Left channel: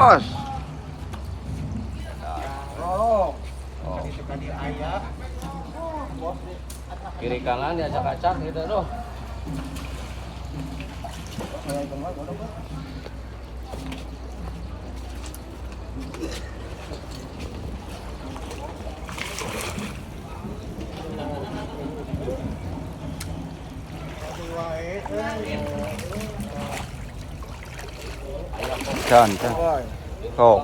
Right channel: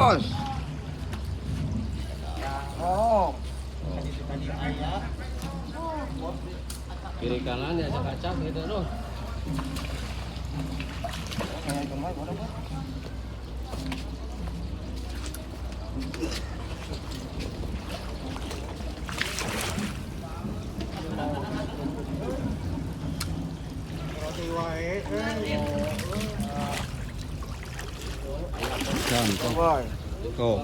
Bos. Oh. Oh. Sekali ayah. Kiri kanan ya acak-acak gitu tuh. Can. Tuh.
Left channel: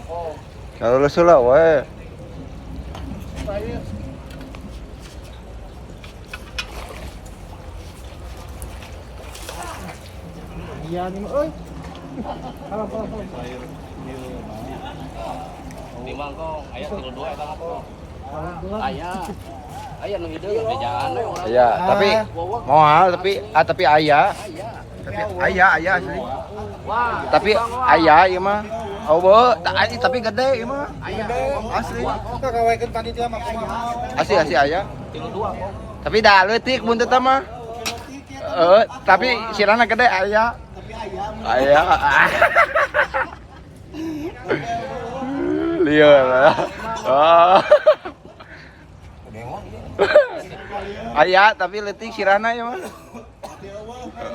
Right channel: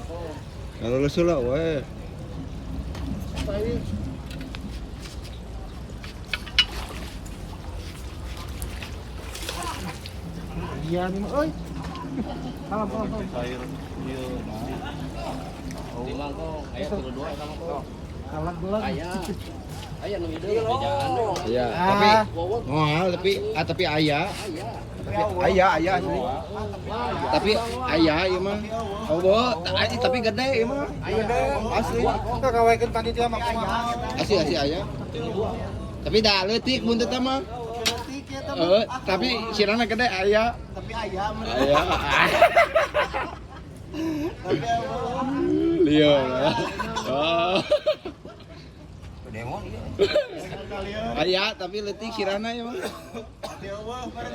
Kalau lu sulak wae. Iya nih, oi. Salam. Sayur di mangkok, ayah kilo 2 kan kok. Salam bulan. Ayah nu itu bejaan. Iya, tapi moal tapi ayah. Ayah asli. Tapi ayah ieu mah. Oh, tapi gede ieu mah. Asli. Ka gawekeun panitia mah kumaha? Asli ayah. Tapi dah leutik mun teh mah. Tapi sirana gede ayah. Tapi ayam. Ayah. Lieur. Oh. Ayah, tapi leutik sirana ya mah.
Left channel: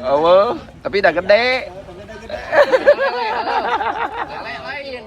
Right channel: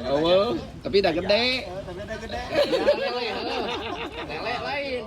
Oh, tapi dah gede. Lele lain.